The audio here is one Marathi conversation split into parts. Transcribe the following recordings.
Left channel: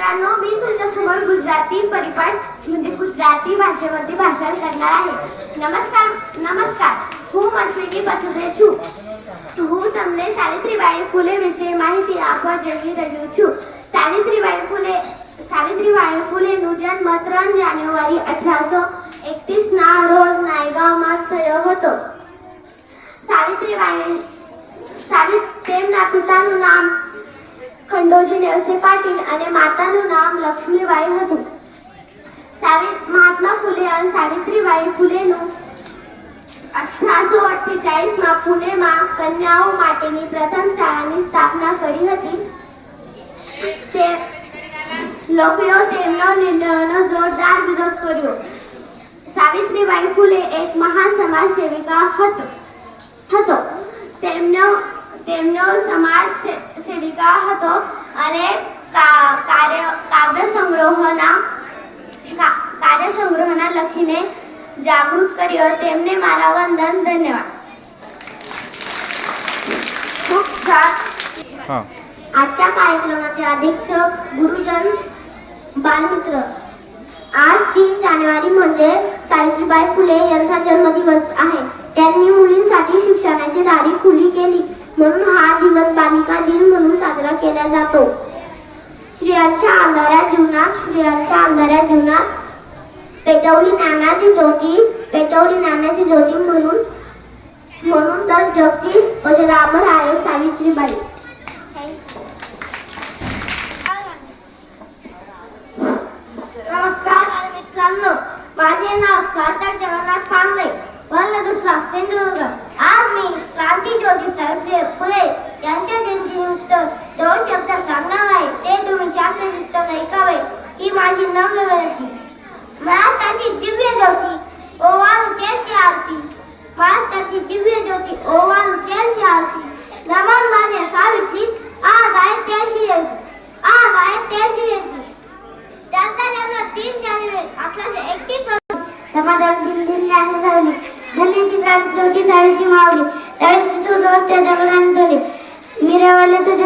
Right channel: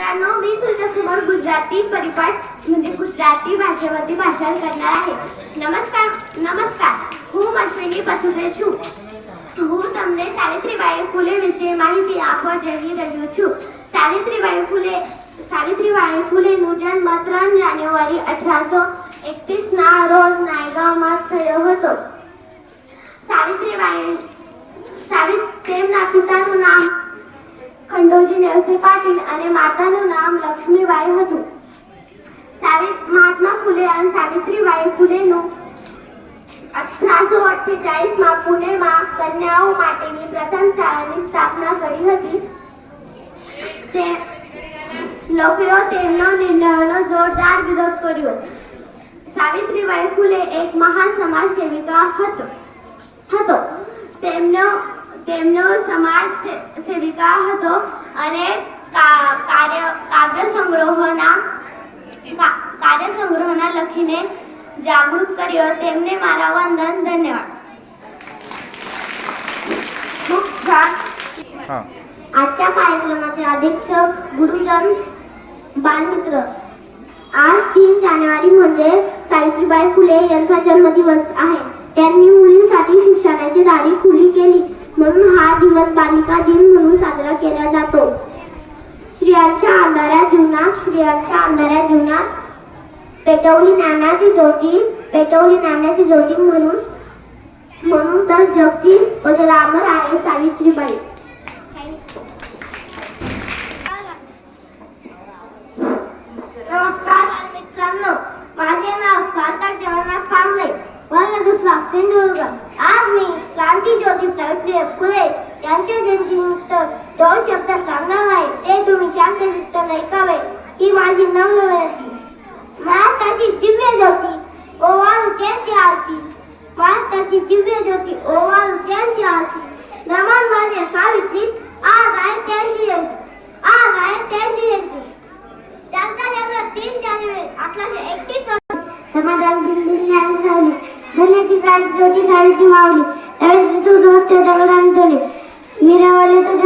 मित्रांनो मी तुमच्यासमोर गुजराती परिपाठ म्हणजे गुजराती भाषेमध्ये भाषण करणार आहे નમસ્કાર નમસ્કાર હું અશ્વિની પથુરે છું હું તમને સાવિત્રીબાઈ ફૂલે વિશે માહિતી આપવા જઈ રહ્યો છું સાવિત્રીબાઈ ફૂલે સાવિત્રીબાઈ ફૂલેનું જન્મ ત્રણ જાન્યુઆરી અઠરાસો એકવીસના રોજ નાયગાંવમાં થયો હતો સાવિત્રીબાઈ સાવિત તેમના પિતાનું નામ ખંડોજી નેવસે પાટીલ અને માતાનું નામ લક્ષ્મીબાઈ હતું. મહાત્મા ફૂલે અને સાવિત્રીબાઈ ફૂલેનું અઠરાસો અઠ્ઠેચાળીસમાં પુણેમાં કન્યાઓ માટેની પ્રથમ શાળાની સ્થાપના કરી હતી. તે લોકોએ તેમનો નિર્ણયનો જોરદાર વિરોધ કર્યો. સાવિત્રીબાઈ ફૂલે એક મહાન સમાજ સેવિકા હતો હતો. તેમનો સમાજ સે- સેવિકા હતો અને કા- કાર્ય કાવ્ય સંગ્રહોના કા- કાર્ય સંગ્રહના લખીને જાગૃત કર્યો તેમને મારા વંદન ધન્યવાદ मुख्य हां आजच्या कार्यक्रमाचे अधीक्षक गुरुजन बालमित्र आज तीन जानेवारी म्हणजे सावित्रीबाई फुले यांचा जन्मदिवस आहे त्यांनी मुलींसाठी शिक्षणाची दारी खुली केली म्हणून हा दिवस बालिका दिन म्हणून साजरा केला जातो. स्त्रियांच्या अंधाऱ्या जीवनात स्त्रियांच्या अंधाऱ्या जीवनात पेटवली नानाची ज्योती पेटवली नानाची ज्योती म्हणून म्हणून तर जगती अजरामर आहे सावित्रीबाई. नमस्कार मित्रांनो माझे नाव सार्थक जगन्नाथ फांदे वर्ण दुसरा सिंधुदुर्ग आज मी क्रांती ज्योती सावित्री फुले यांच्या जयंतीनिमित्त दोन शब्द सांगणार आहे ते तुम्ही शांतचित्त ऐकावे ही महाराष्ट्राची दिव्य ज्योती ओवाळू त्यांची आरती. महाराष्ट्राची दिव्य ज्योती ओवाळू त्यांची आरती. नमन माझे सावित्री आज आहे त्यांची जयंती आज आहे त्यांची जयंती त्यांचा जन्म तीन जानेवारी अठराशे एकतीस समाजात दिल्ली ज्ञान झाली. धन्याची क्रांती ज्योती सावित्री मावली त्यावेळी सुदोस्ते दगडांत झाले मिरवाले तो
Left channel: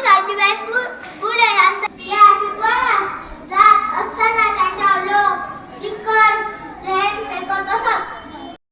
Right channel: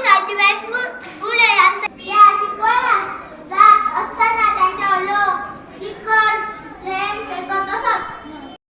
Please, I will full, full, and yeah, I